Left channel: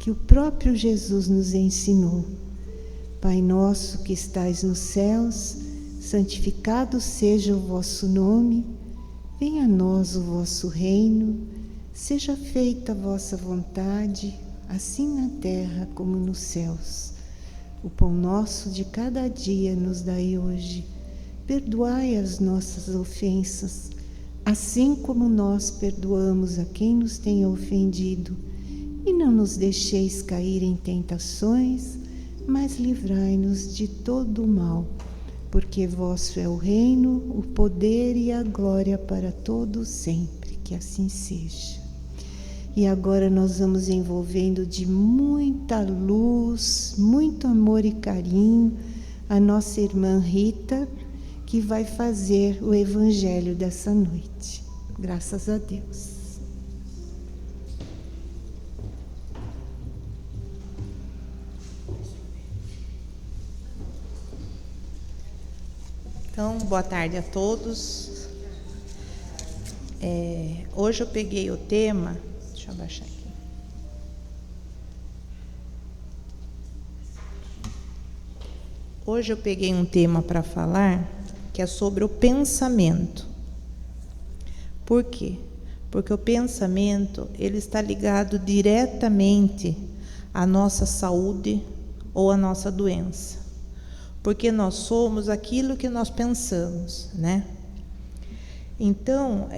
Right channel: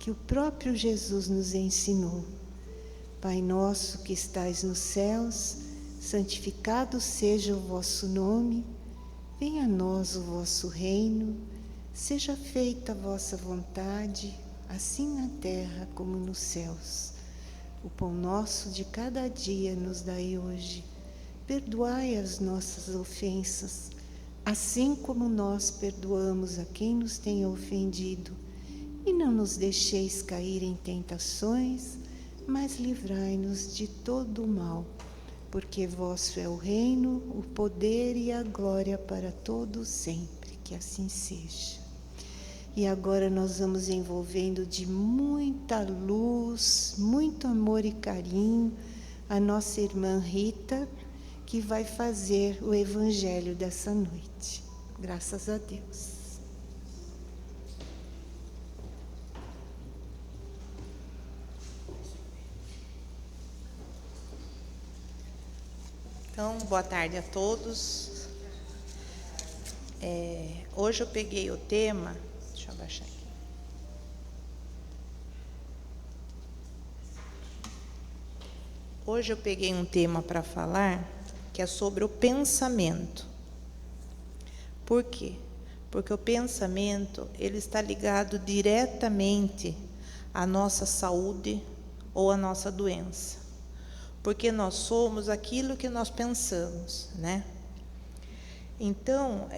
que o próprio Jesus nos ensinou. Pai nosso que estais nos céus, santificado seja o vosso nome, venha a nós o vosso reino, seja feita a vossa vontade, assim na terra como nos céus. O pão nosso de cada dia nos dai hoje. Perdoai as nossas ofensas, assim como nós perdoamos a quem nos tem ofendido. E não nos deixeis cair em tentações, mas livrai-nos de todo o mal. Porque vosso é o reino, o poder e a glória para todos sempre. Que assim seja. E agora nós vamos envolvendo de muita luz, muito amor e carinho a nossa irmã Rita, que vai fazer o evangelho dessa noite. Graças a Deus. Então, boa tarde a todos. Hoje eu peguei o tema, deixa eu abaixar aqui. Hoje eu peguei um tema para falar que é sobre o pensamento. Por quê? Porque o pensamento, ele está ligado diretamente à nossa saúde ou à nossa doença. Porque nós somos aquilo que nós pensamos, né? Então,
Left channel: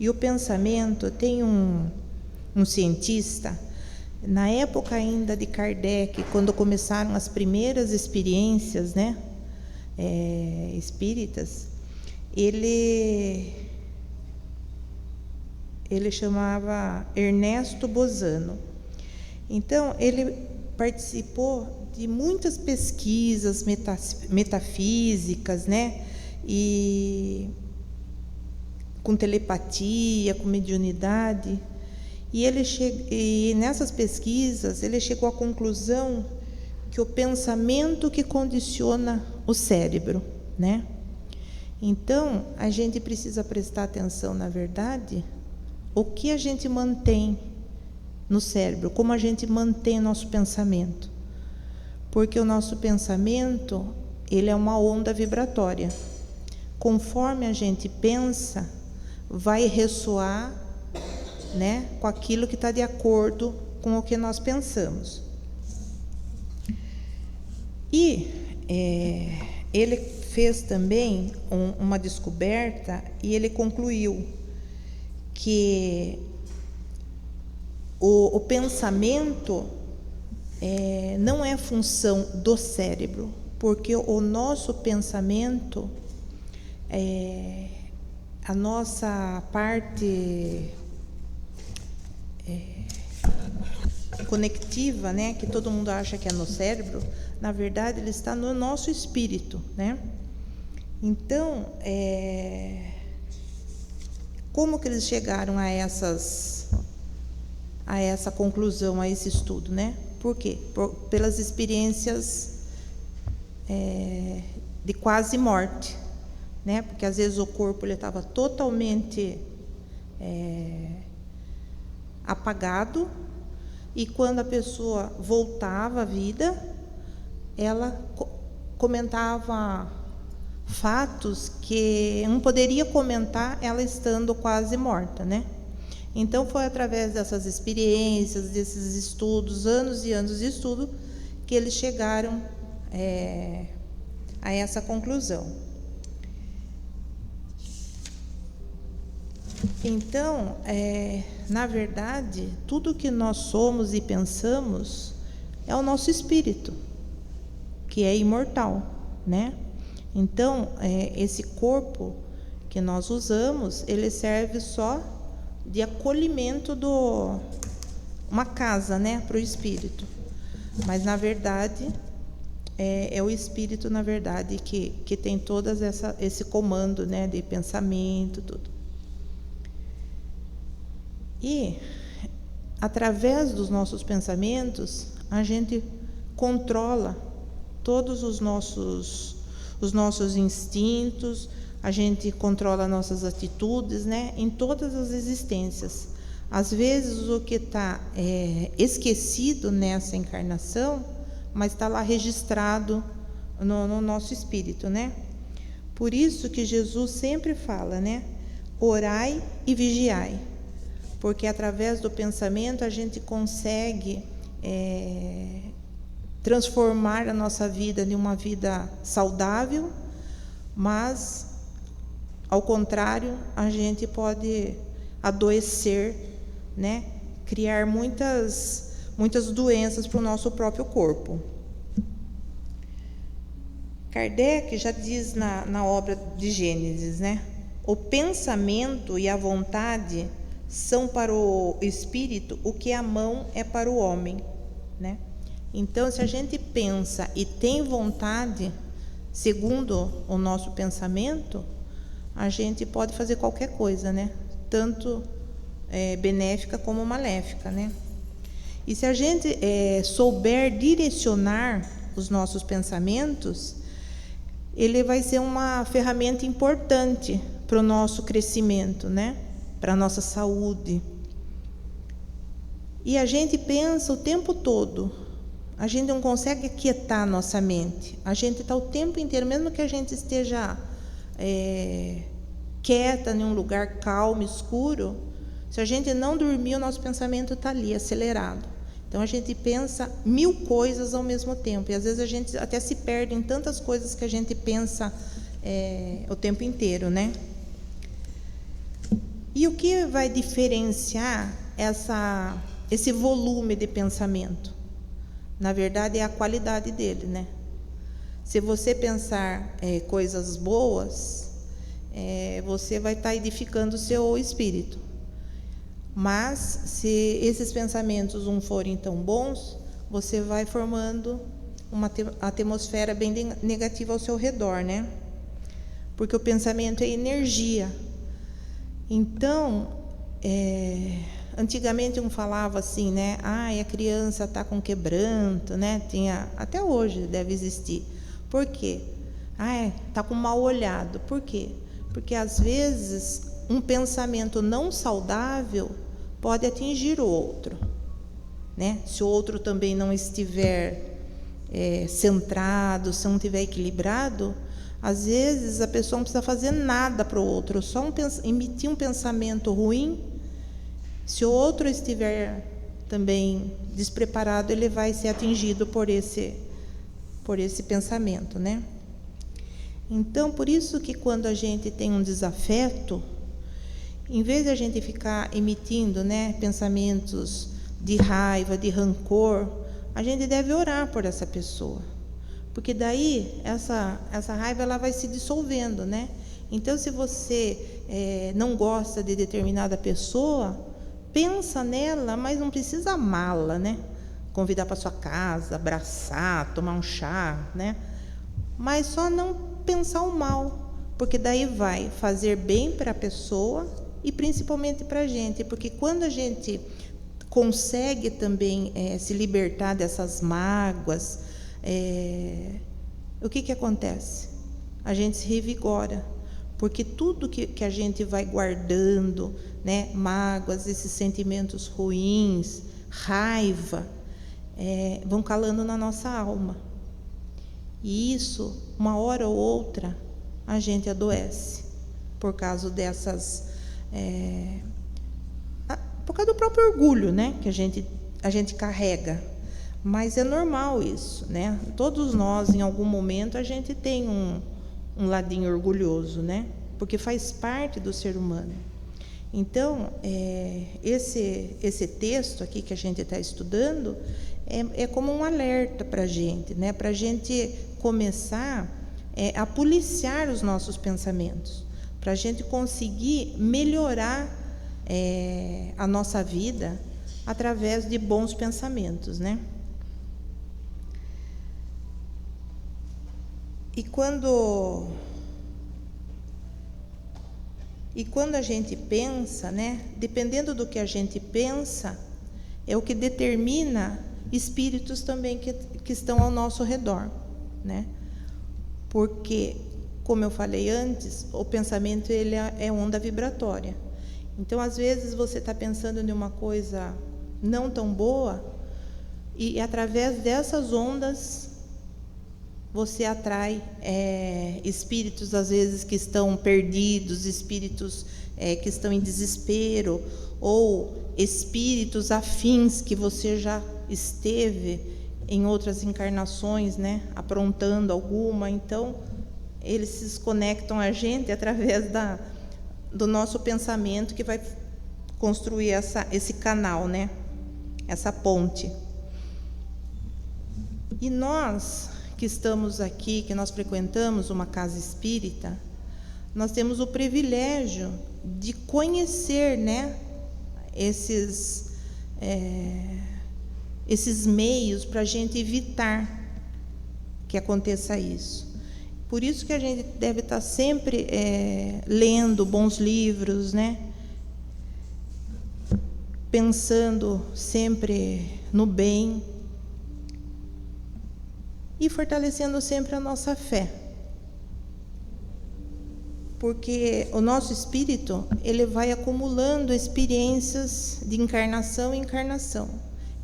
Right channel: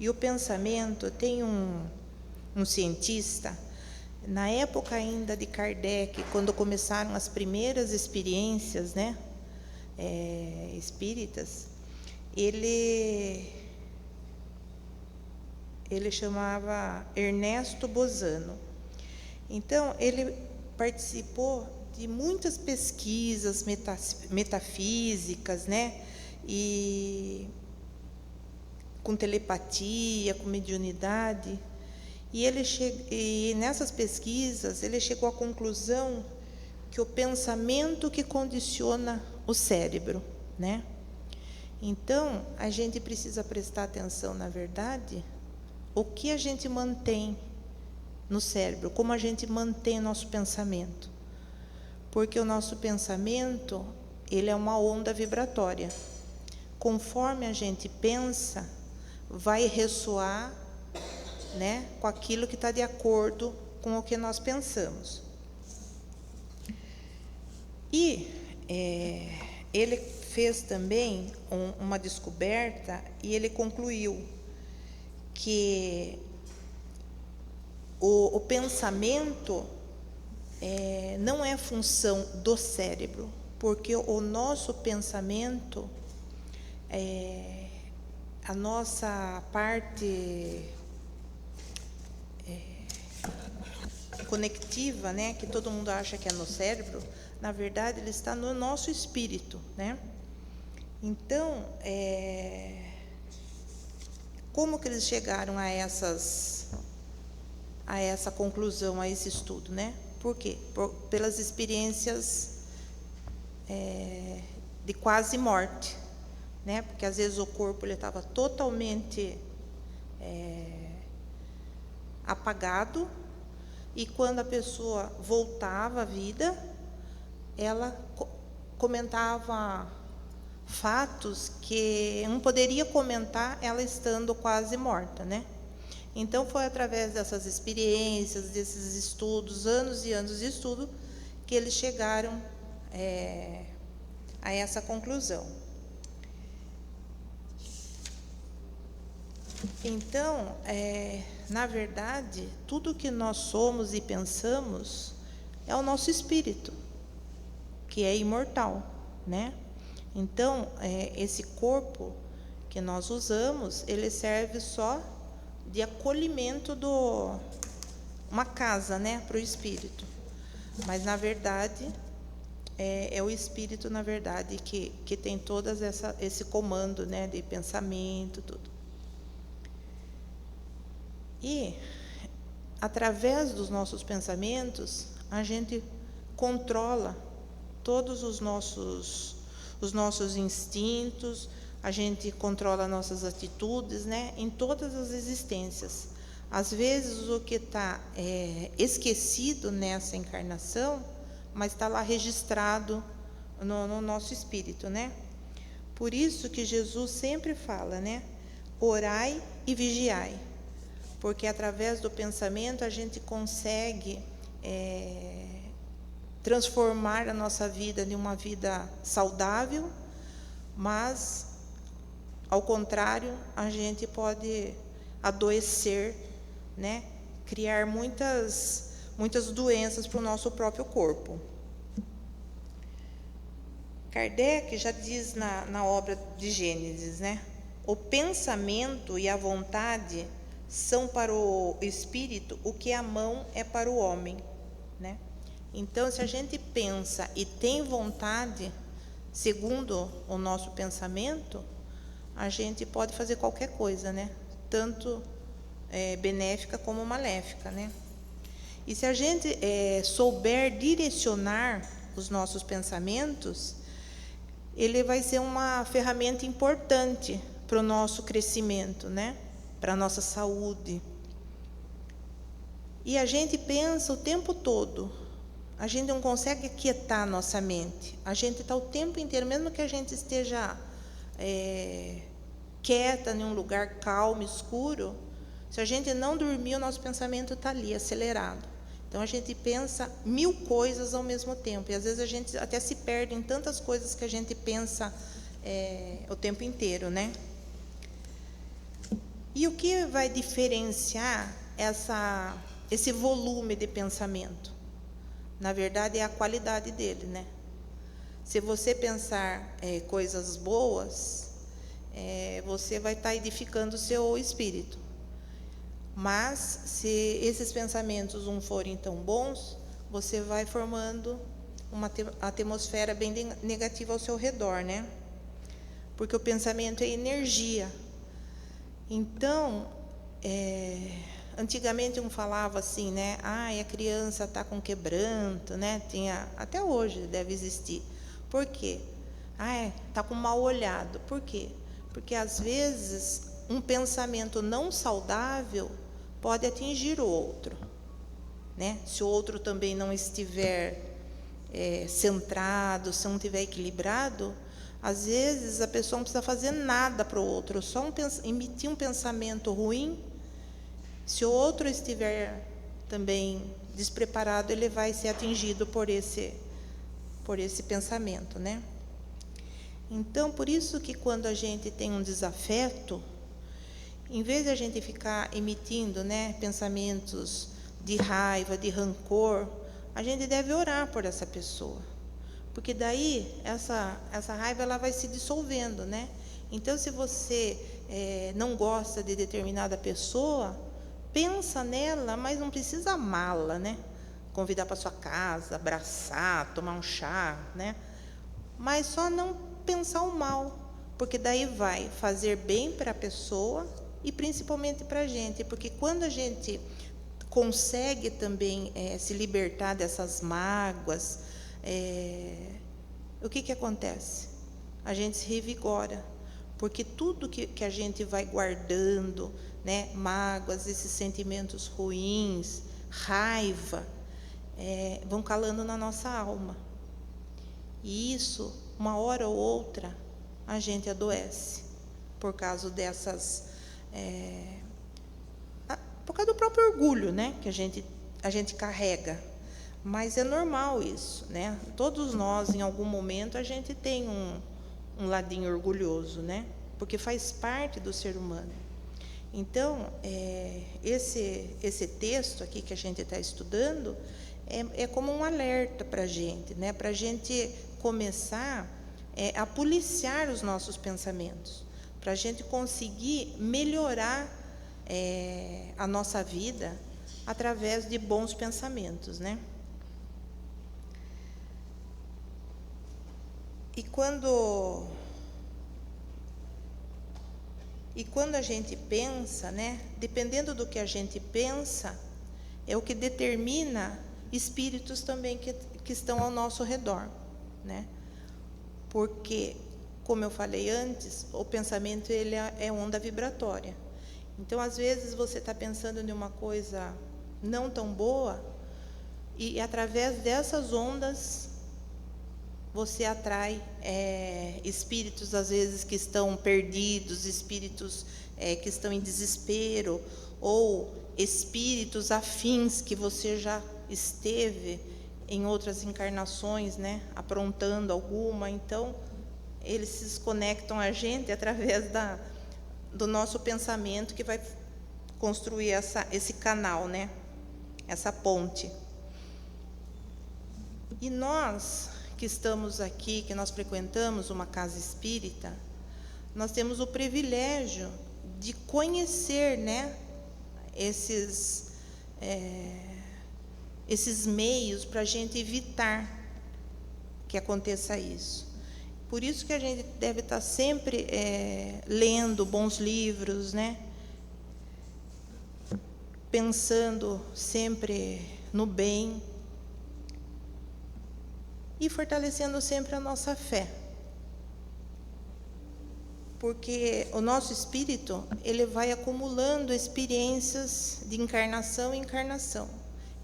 e o pensamento, tem um cientista, na época ainda de Kardec, quando começaram as primeiras experiências, né, espíritas, ele chamava Ernesto Bozano. Então, ele participou de muitas pesquisas metafísicas, né, e com telepatia, com mediunidade, e nessas pesquisas ele chegou à conclusão que o pensamento que condiciona o cérebro, né? Então, a gente precisa prestar atenção, na verdade, o que a gente mantém no cérebro, como a gente mantém nosso pensamento. Porque o nosso pensamento, ele é uma onda vibratória. Conforme a gente pensa, vai ressoar, né, com aquilo que está de acordo com o que nós pensamos. E ele fez também uma descoberta, e ele concluiu que o pensamento não é função do cérebro, porque o nosso pensamento, a nossa parte conectiva, né, que todo mundo acha que é no cérebro, na verdade ele está no nosso espírito, né? Então, como que eles chegaram a essa conclusão, a esse estudo, né? Por quê? Pelas experiências de quase morte, né? Porque às vezes o corpo estava totalmente apagado, e quando a pessoa voltava à vida, ela comentava fatos que não poderia comentar ela estando quase morta, né? Então, foi através dessas experiências, desses estudos, anos e anos de estudo, que eles chegaram a essa conclusão. Então, na verdade, tudo que nós somos e pensamos é o nosso espírito, que é imortal, né? Então, esse corpo que nós usamos, ele serve só de acolhimento uma casa, né, para o espírito. Mas, na verdade, é o espírito, na verdade, que tem todas esse comando, né, de pensamento, tudo. E, através dos nossos pensamentos, a gente controla todos os nossos instintos, a gente controla nossas atitudes, né, em todas as existências. Às vezes o que está esquecido nessa encarnação, mas está lá registrado no nosso espírito, né? Por isso que Jesus sempre fala, né? Orai e vigiai, porque através do pensamento a gente consegue transformar a nossa vida em uma vida saudável, mas, ao contrário, a gente pode adoecer, né? Criar muitas doenças para o nosso próprio corpo. Kardec já diz na obra de Gênesis, né? O pensamento e a vontade são para o espírito o que a mão é para o homem, né? Então, se a gente pensa e tem vontade, segundo o nosso pensamento, a gente pode fazer qualquer coisa, né? Tanto benéfica como maléfica, né? E se a gente souber direcionar os nossos pensamentos, ele vai ser uma ferramenta importante para o nosso crescimento, né? Para a nossa saúde. E a gente pensa o tempo todo, a gente não consegue aquietar a nossa mente. A gente está o tempo inteiro, mesmo que a gente esteja quieta em um lugar calmo, escuro, se a gente não dormir, o nosso pensamento está ali, acelerado. Então, a gente pensa 1000 coisas ao mesmo tempo. E, às vezes, a gente até se perde em tantas coisas que a gente pensa o tempo inteiro, né? E o que vai diferenciar esse volume de pensamento? Na verdade, é a qualidade dele, né? Se você pensar coisas boas, você vai estar edificando o seu espírito. Mas, se esses pensamentos não forem tão bons, você vai formando uma atmosfera bem negativa ao seu redor, né? Porque o pensamento é energia. Então, antigamente um falava assim, né? A criança está com quebranto, né? Até hoje deve existir. Por quê? Está com mal olhado. Por quê? Porque, às vezes, um pensamento não saudável pode atingir o outro, né? Se o outro também não estiver centrado, se não estiver equilibrado, às vezes a pessoa não precisa fazer nada para o outro, só emitir um pensamento ruim. Se o outro estiver também despreparado, ele vai ser atingido por esse pensamento, né? Então, por isso que quando a gente tem um desafeto, em vez de a gente ficar emitindo, né, pensamentos de raiva, de rancor, a gente deve orar por essa pessoa. Porque daí essa raiva ela vai se dissolvendo, né? Então, se você não gosta de determinada pessoa, pensa nela, mas não precisa amá-la, né? Convidar para sua casa, abraçar, tomar um chá, né? Mas só não pensar o mal, porque daí vai fazer bem para a pessoa e principalmente para a gente, porque quando a gente consegue também se libertar dessas mágoas, o que acontece? A gente se revigora, porque tudo que a gente vai guardando, né, mágoas, esses sentimentos ruins, raiva, vão calando na nossa alma. E isso, uma hora ou outra, a gente adoece por causa por causa do próprio orgulho, né, que a gente carrega. Mas é normal isso, né? Todos nós, em algum momento, a gente tem um ladinho orgulhoso, né? Porque faz parte do ser humano. Então, esse texto aqui que a gente está estudando é como um alerta para a gente, né? Para a gente começar a policiar os nossos pensamentos, para a gente conseguir melhorar a nossa vida através de bons pensamentos, né? E quando a gente pensa, né, dependendo do que a gente pensa, é o que determina espíritos também que estão ao nosso redor, né? Porque, como eu falei antes, o pensamento ele é onda vibratória. Então, às vezes, você está pensando em uma coisa não tão boa, e através dessas ondas, você atrai espíritos, às vezes, que estão perdidos, espíritos que estão em desespero, ou espíritos afins que você já esteve em outras encarnações, né, aprontando alguma. Então, eles se conectam a gente através do nosso pensamento, que vai construir esse canal, né, essa ponte. E nós que estamos aqui, que nós frequentamos uma casa espírita, nós temos o privilégio de conhecer, né, esses meios para a gente evitar que aconteça isso. Por isso que a gente deve estar sempre lendo bons livros, né, pensando sempre no bem e fortalecendo sempre a nossa fé. Porque o nosso espírito, ele vai acumulando experiências de encarnação em encarnação.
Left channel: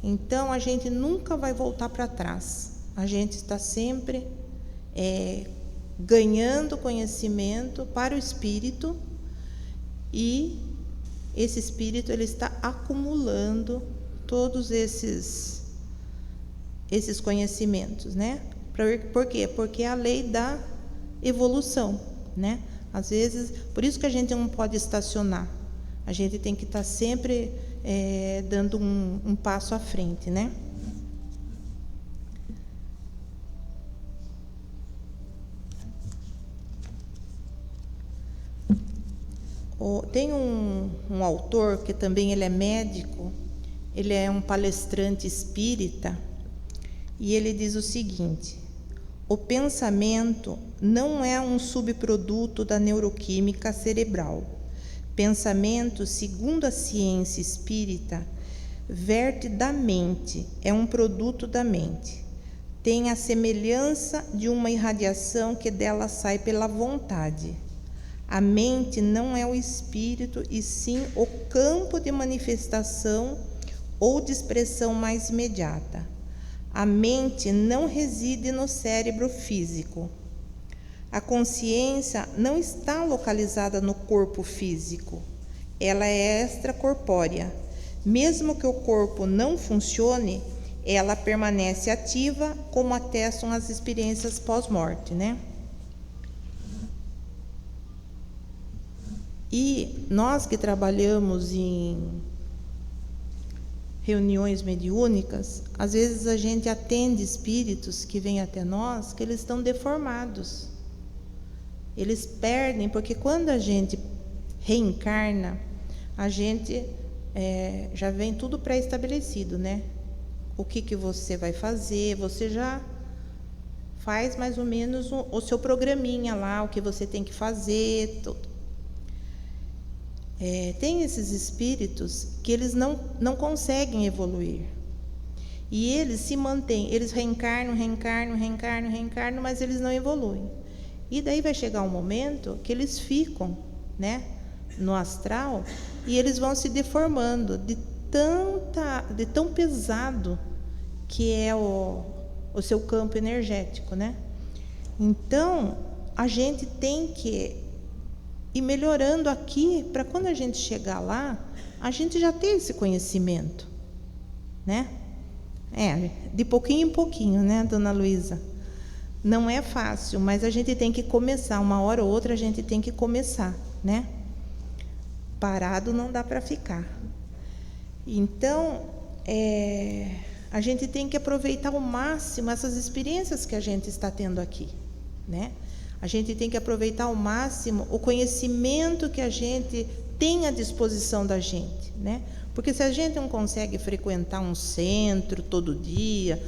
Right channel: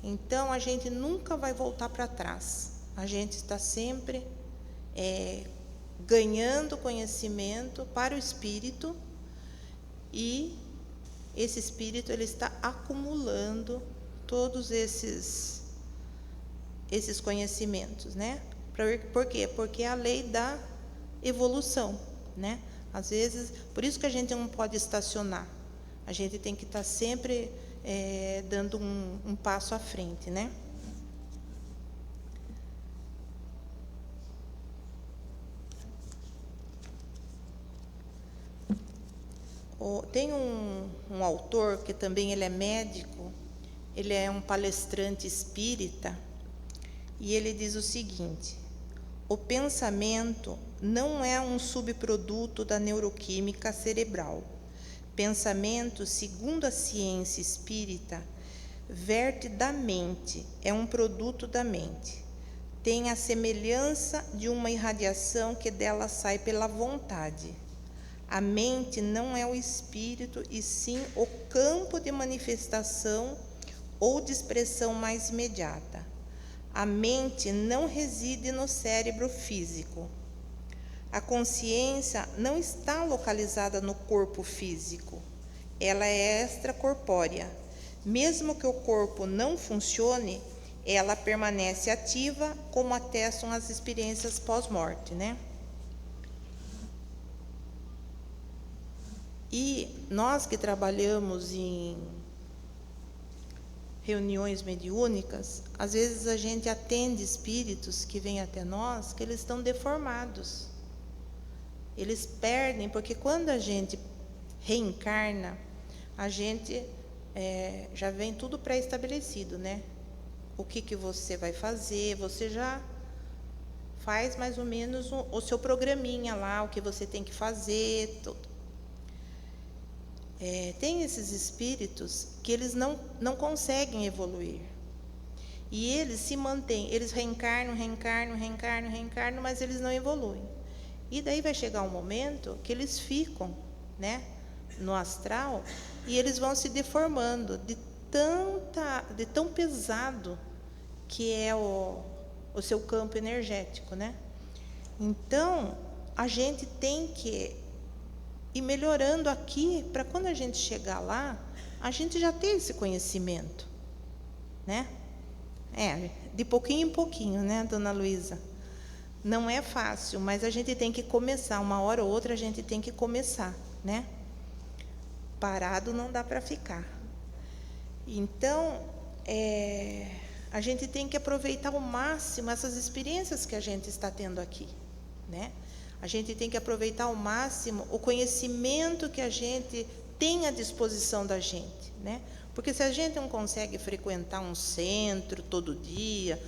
Então, a gente nunca vai voltar para trás. A gente está sempre ganhando conhecimento para o espírito, e esse espírito, ele está acumulando todos esses conhecimentos, né? Por quê? Porque é a lei da evolução, né? Às vezes, por isso que a gente não pode estacionar. A gente tem que estar sempre dando um passo à frente, né? Tem um autor que também ele é médico, ele é um palestrante espírita, e ele diz o seguinte: o pensamento não é um subproduto da neuroquímica cerebral. Pensamento, segundo a ciência espírita, verte da mente, é um produto da mente. Tem a semelhança de uma irradiação que dela sai pela vontade. A mente não é o espírito, e sim o campo de manifestação ou de expressão mais imediata. A mente não reside no cérebro físico. A consciência não está localizada no corpo físico. Ela é extracorpórea. Mesmo que o corpo não funcione, ela permanece ativa, como atestam as experiências pós-morte, né? E nós que trabalhamos em reuniões mediúnicas, às vezes a gente atende espíritos que vêm até nós, que eles estão deformados. Eles perdem, porque quando a gente reencarna, a gente já vem tudo pré-estabelecido, né? O que você vai fazer, você já faz mais ou menos o seu programinha lá, o que você tem que fazer, tudo. Tem esses espíritos que eles não conseguem evoluir. E eles se mantêm, eles reencarnam, mas eles não evoluem. E daí vai chegar um momento que eles ficam, né, no astral, e eles vão se deformando de tão pesado que é o seu campo energético, né? Então, a gente tem que ir melhorando aqui, para quando a gente chegar lá, a gente já ter esse conhecimento, né? De pouquinho em pouquinho, né, dona Luísa? Não é fácil, mas a gente tem que começar, uma hora ou outra a gente tem que começar, né? Parado não dá para ficar. Então, a gente tem que aproveitar ao máximo essas experiências que a gente está tendo aqui, né? A gente tem que aproveitar ao máximo o conhecimento que a gente tem à disposição da gente, né? Porque se a gente não consegue frequentar um centro todo dia,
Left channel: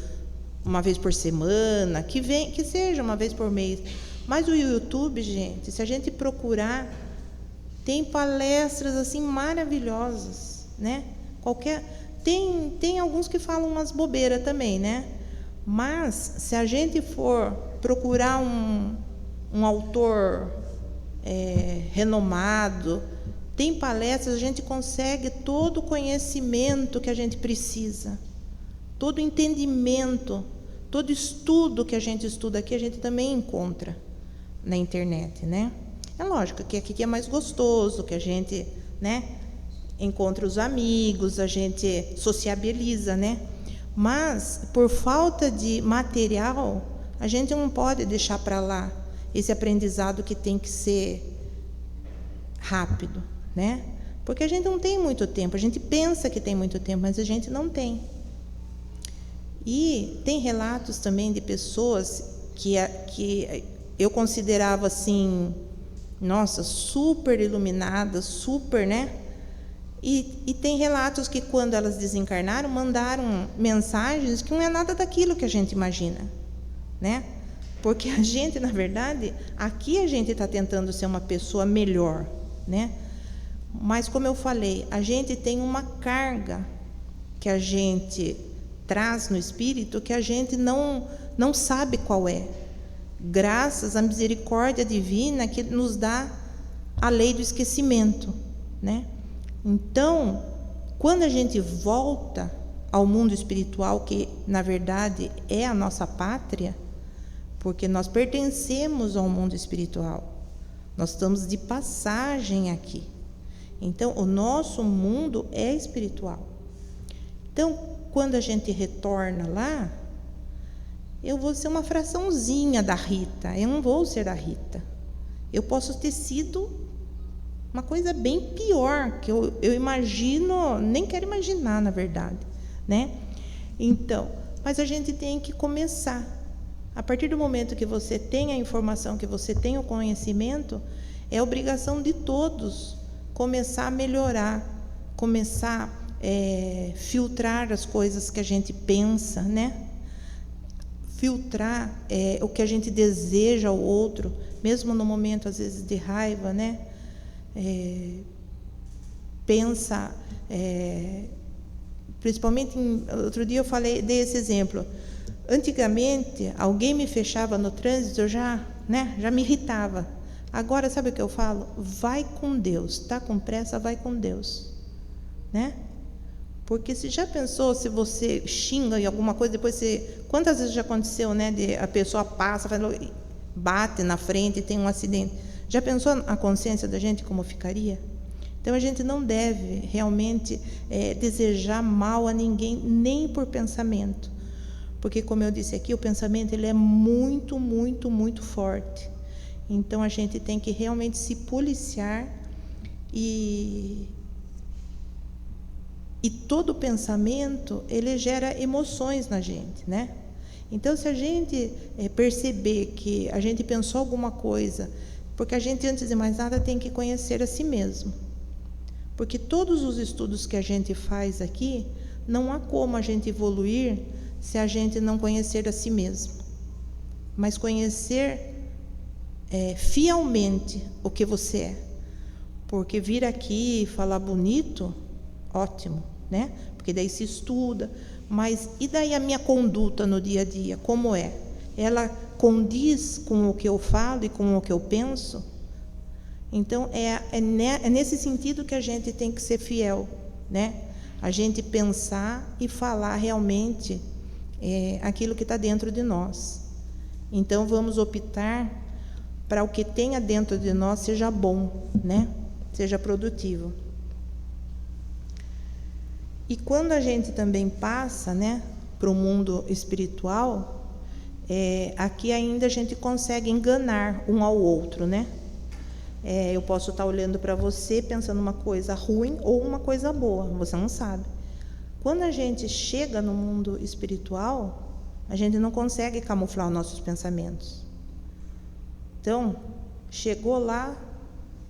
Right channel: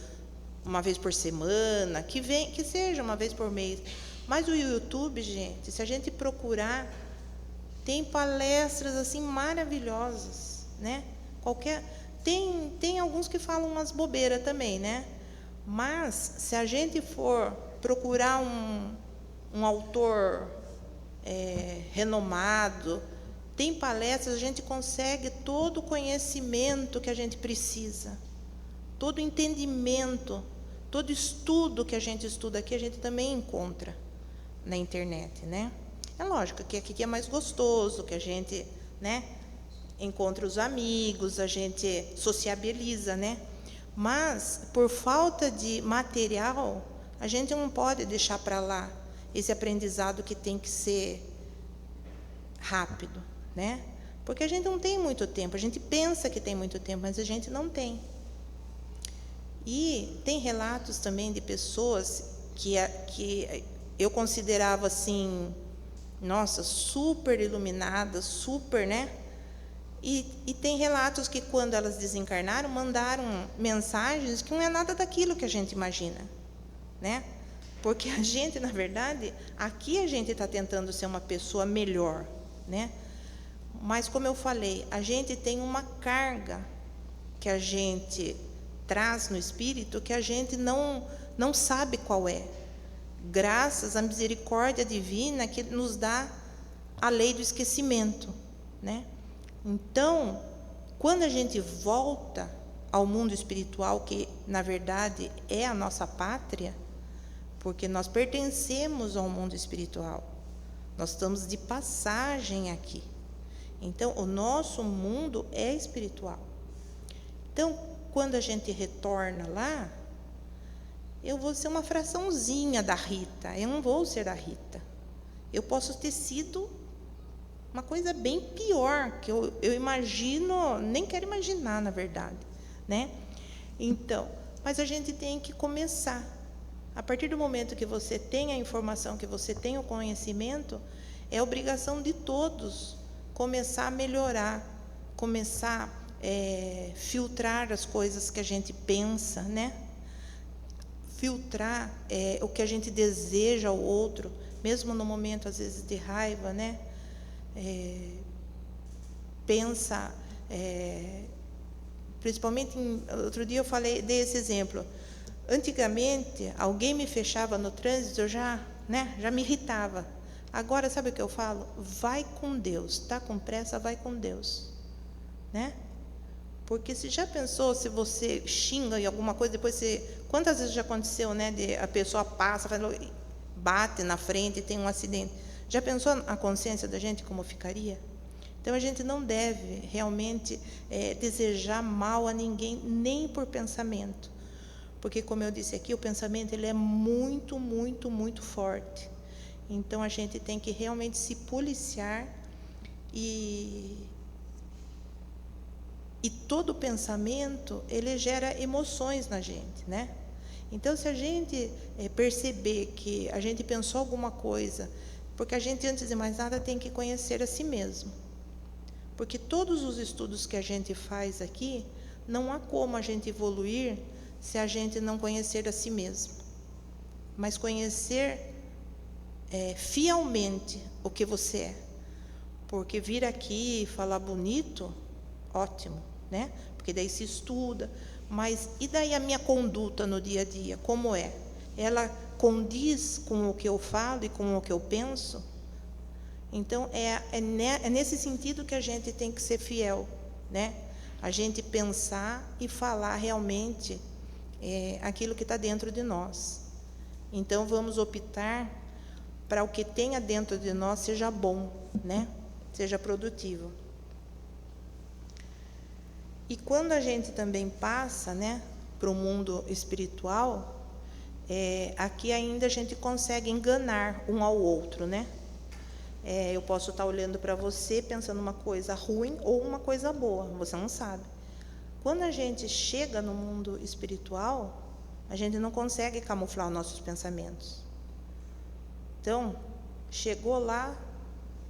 uma vez por semana, que seja uma vez por mês, mas o YouTube, gente, se a gente procurar, tem palestras assim maravilhosas, né? Tem alguns que falam umas bobeiras também, né? Mas se a gente for procurar um autor renomado, Tem palestras, a gente consegue todo o conhecimento que a gente precisa, todo o entendimento, todo estudo que a gente estuda aqui, a gente também encontra na internet, né? É lógico que aqui é mais gostoso, que a gente, né, encontra os amigos, a gente sociabiliza, né? Mas, por falta de material, a gente não pode deixar para lá esse aprendizado que tem que ser rápido, né? Porque a gente não tem muito tempo, a gente pensa que tem muito tempo, mas a gente não tem. E tem relatos também de pessoas que eu considerava assim, nossa, super iluminadas, super, né? E tem relatos que quando elas desencarnaram, mandaram mensagens que não é nada daquilo que a gente imagina, né? Porque a gente, na verdade, aqui a gente está tentando ser uma pessoa melhor, né? Mas, como eu falei, a gente tem uma carga que a gente traz no espírito que a gente não sabe qual é. Graças à misericórdia divina que nos dá a lei do esquecimento, né? Então, quando a gente volta ao mundo espiritual, que na verdade é a nossa pátria, porque nós pertencemos ao mundo espiritual, nós estamos de passagem aqui. Então, o nosso mundo é espiritual. Então, quando a gente retorna lá, eu vou ser uma fraçãozinha da Rita, eu não vou ser a Rita. Eu posso ter sido uma coisa bem pior, que eu imagino, nem quero imaginar, na verdade, né? Então, mas a gente tem que começar. A partir do momento que você tem a informação, que você tem o conhecimento, é obrigação de todos começar a melhorar, começar a filtrar as coisas que a gente pensa, né? Filtrar o que a gente deseja ao outro, mesmo no momento, às vezes, de raiva, né? Pensa, principalmente, outro dia eu dei esse exemplo. Antigamente, alguém me fechava no trânsito, eu já me irritava. Agora, sabe o que eu falo? Vai com Deus, está com pressa, vai com Deus, né? Porque se já pensou, se você xinga em alguma coisa, depois quantas vezes já aconteceu, né? A pessoa passa, bate na frente e tem um acidente. Já pensou a consciência da gente como ficaria? Então, a gente não deve realmente desejar mal a ninguém, nem por pensamento. Porque, como eu disse aqui, o pensamento ele é muito, muito, muito forte. Então, a gente tem que realmente se policiar e todo pensamento, ele gera emoções na gente, né? Então, se a gente perceber que a gente pensou alguma coisa, porque a gente, antes de mais nada, tem que conhecer a si mesmo. Porque todos os estudos que a gente faz aqui, não há como a gente evoluir se a gente não conhecer a si mesmo. Mas conhecer fielmente o que você é. Porque vir aqui e falar bonito, ótimo, né? Porque daí se estuda. Mas e daí a minha conduta no dia a dia, como é? Ela condiz com o que eu falo e com o que eu penso? Então, é nesse sentido que a gente tem que ser fiel, né? A gente pensar e falar realmente aquilo que está dentro de nós. Então, vamos optar para o que tenha dentro de nós seja bom, né? Seja produtivo. E quando a gente também passa, né, para o mundo espiritual, aqui ainda a gente consegue enganar um ao outro, né? Eu posso estar olhando para você pensando uma coisa ruim ou uma coisa boa, você não sabe. Quando a gente chega no mundo espiritual, a gente não consegue camuflar os nossos pensamentos. Então, chegou lá,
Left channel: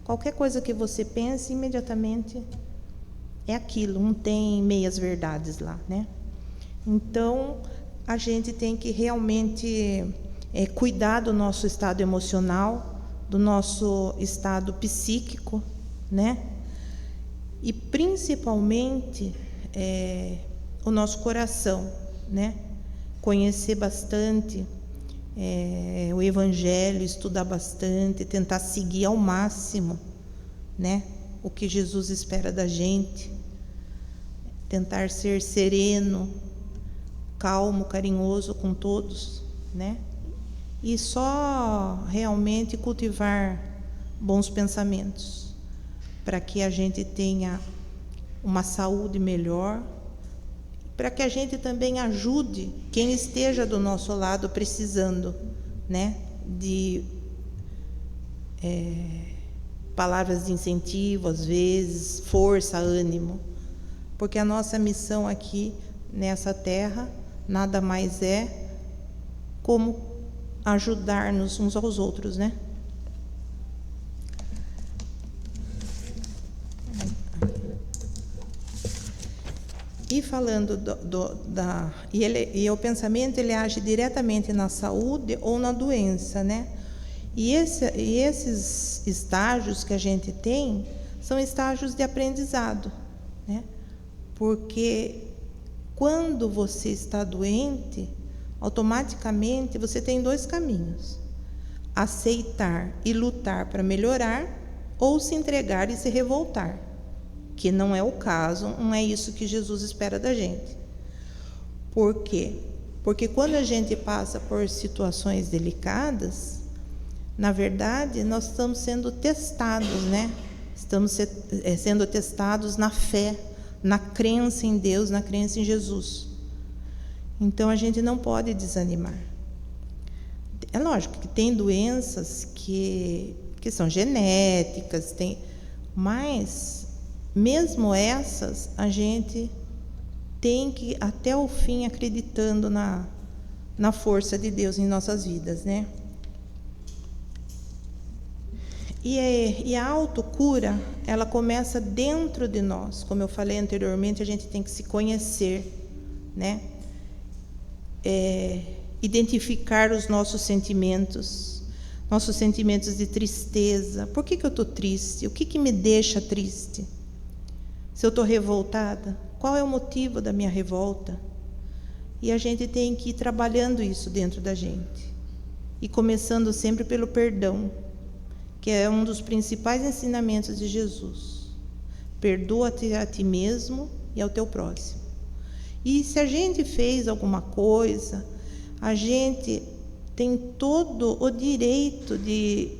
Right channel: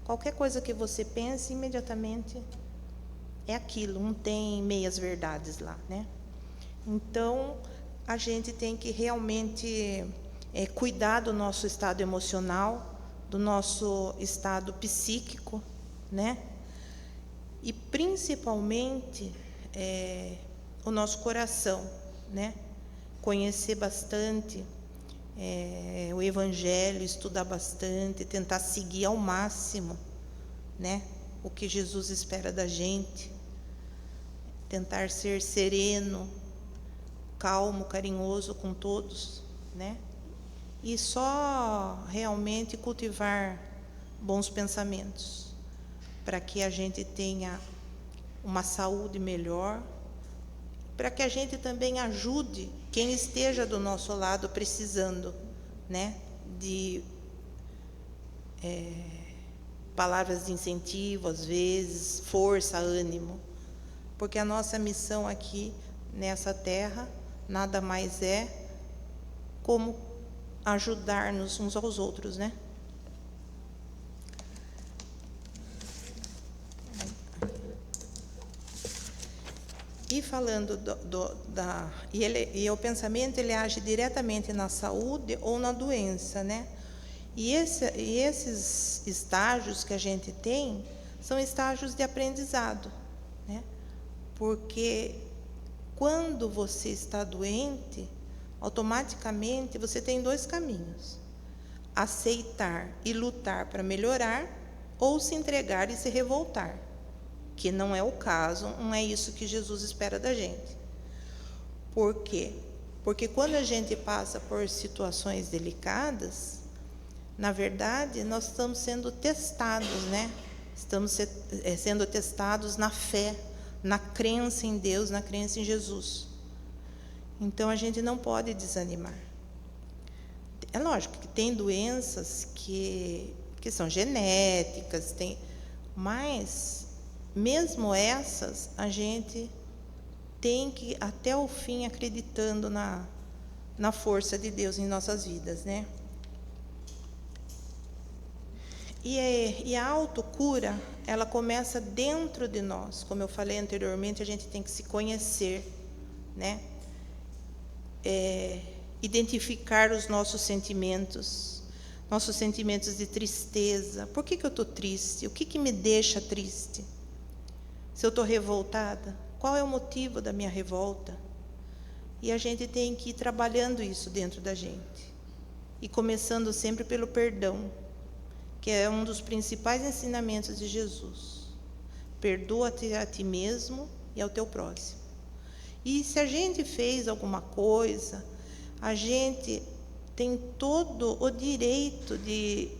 qualquer coisa que você pense, imediatamente é aquilo, não tem meias verdades lá, né? Então, a gente tem que realmente cuidar do nosso estado emocional, do nosso estado psíquico, né? E principalmente o nosso coração, né? Conhecer bastante o Evangelho, estudar bastante, tentar seguir ao máximo, né? o que Jesus espera da gente, tentar ser sereno, calmo, carinhoso com todos, né? E só realmente cultivar bons pensamentos, para que a gente tenha uma saúde melhor, para que a gente também ajude quem esteja do nosso lado precisando, né, de palavras de incentivo, às vezes, força, ânimo, porque a nossa missão aqui nessa terra nada mais é como ajudar-nos uns aos outros, né? E falando e o pensamento, ele age diretamente na saúde ou na doença, né? E esses estágios que a gente tem são estágios de aprendizado, né? Porque quando você está doente, automaticamente você tem dois caminhos: aceitar e lutar para melhorar, ou se entregar e se revoltar, que não é o caso, não é isso que Jesus espera da gente. Por quê? Porque quando a gente passa por situações delicadas, na verdade, nós estamos sendo testados, né? Estamos sendo testados na fé, na crença em Deus, na crença em Jesus. Então, a gente não pode desanimar. É lógico que tem doenças que são genéticas, mas, mesmo essas, a gente tem que ir até o fim acreditando na força de Deus em nossas vidas, né? E a autocura, ela começa dentro de nós. Como eu falei anteriormente, a gente tem que se conhecer, né? Identificar os nossos sentimentos de tristeza. Por que eu estou triste? O que me deixa triste? Se eu estou revoltada, qual é o motivo da minha revolta? E a gente tem que ir trabalhando isso dentro da gente. E começando sempre pelo perdão, que é um dos principais ensinamentos de Jesus. Perdoa-te a ti mesmo e ao teu próximo. E se a gente fez alguma coisa, a gente tem todo o direito de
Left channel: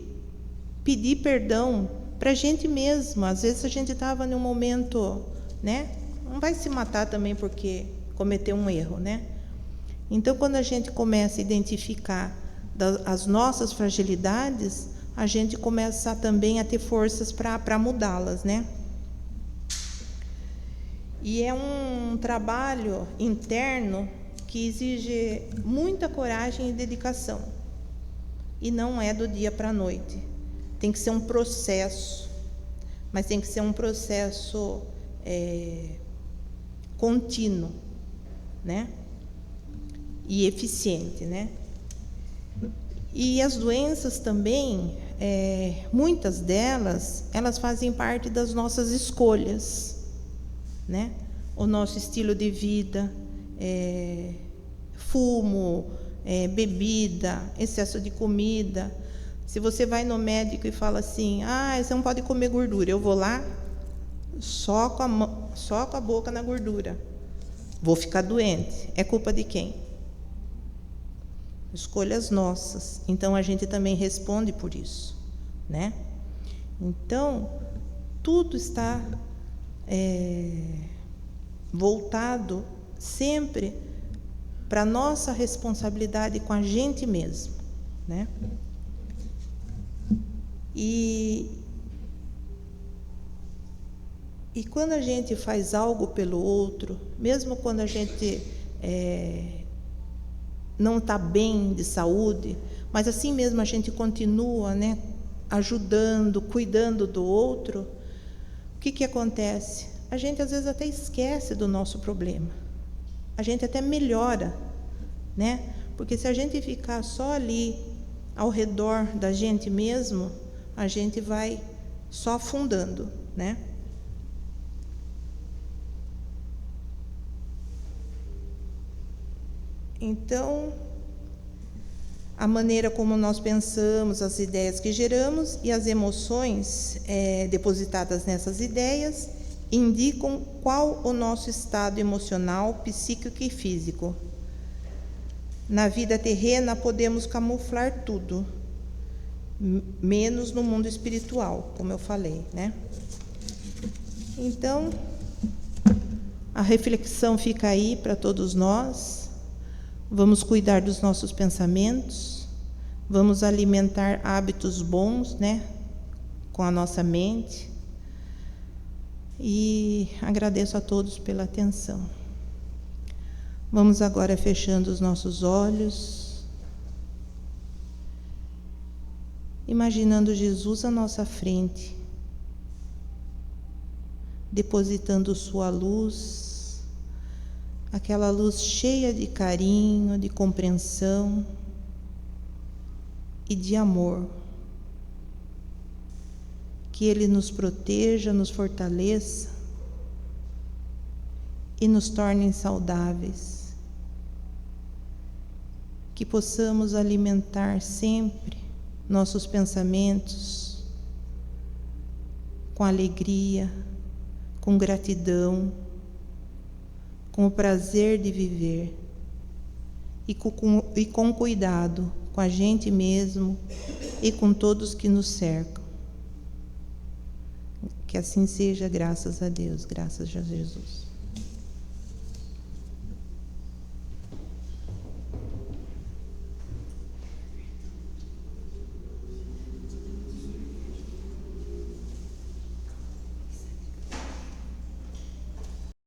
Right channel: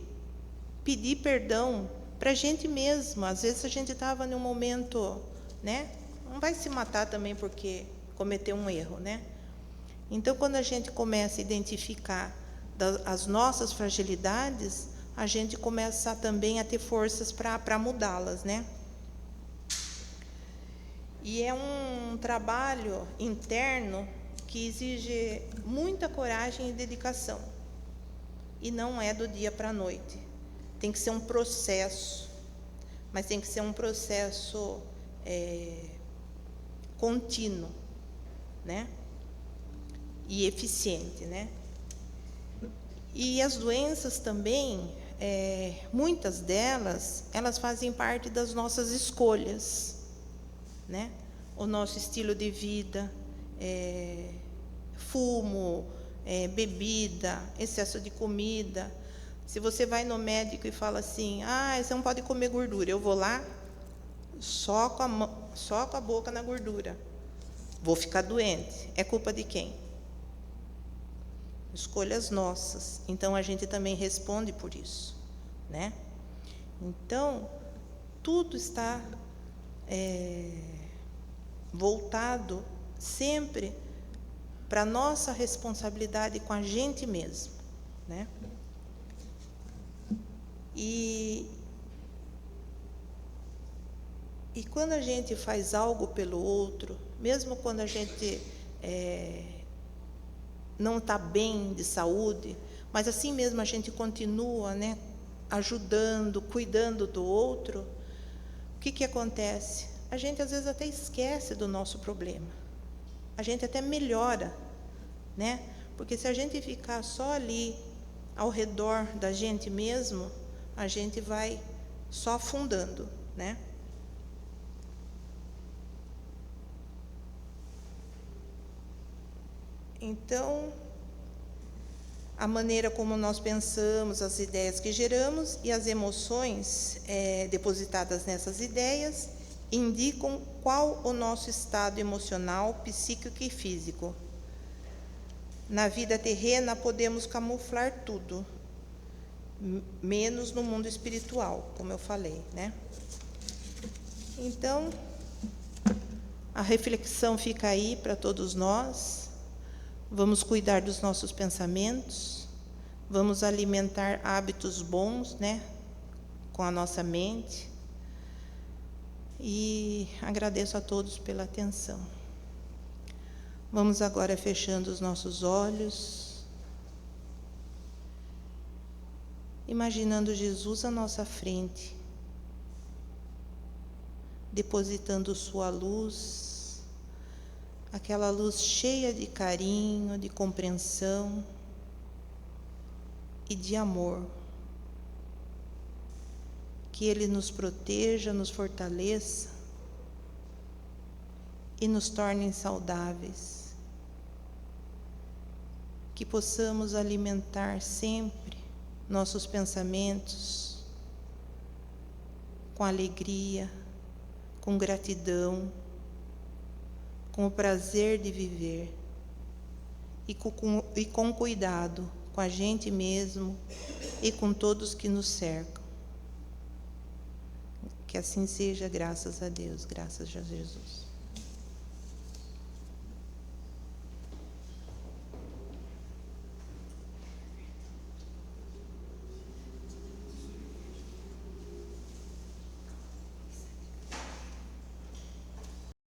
pedir perdão para a gente mesmo. Às vezes a gente estava num momento, né? Não vai se matar também porque cometeu um erro, né? Então, quando a gente começa a identificar as nossas fragilidades, a gente começa também a ter forças para mudá-las, né? E é um trabalho interno que exige muita coragem e dedicação. E não é do dia para a noite. Tem que ser um processo, mas tem que ser um processo contínuo, né? E eficiente, né? E as doenças também, muitas delas, elas fazem parte das nossas escolhas, né? O nosso estilo de vida, fumo, bebida, excesso de comida. Se você vai no médico e fala assim, você não pode comer gordura, eu vou lá só com a boca na gordura, vou ficar doente. É culpa de quem? Escolhas nossas. Então a gente também responde por isso, né? Então tudo está voltado sempre para a nossa responsabilidade com a gente mesmo, né? E quando a gente faz algo pelo outro, mesmo quando a gente não está bem de saúde, mas assim mesmo a gente continua, né, ajudando, cuidando do outro, o que acontece? A gente às vezes até esquece do nosso problema. A gente até melhora, né? Porque se a gente ficar só ali ao redor da gente mesmo, a gente vai só afundando, né? Então, a maneira como nós pensamos, as ideias que geramos e as emoções depositadas nessas ideias indicam qual o nosso estado emocional, psíquico e físico. Na vida terrena podemos camuflar tudo, menos no mundo espiritual, como eu falei, né? Então, a reflexão fica aí para todos nós. Vamos cuidar dos nossos pensamentos, vamos alimentar hábitos bons, né, com a nossa mente. E agradeço a todos pela atenção. Vamos agora fechando os nossos olhos, imaginando Jesus à nossa frente, depositando sua luz, aquela luz cheia de carinho, de compreensão e de amor. Que Ele nos proteja, nos fortaleça e nos torne saudáveis. Que possamos alimentar sempre nossos pensamentos com alegria, com gratidão, com o prazer de viver e com cuidado com a gente mesmo e com todos que nos cercam. Que assim seja, graças a Deus, graças a Jesus.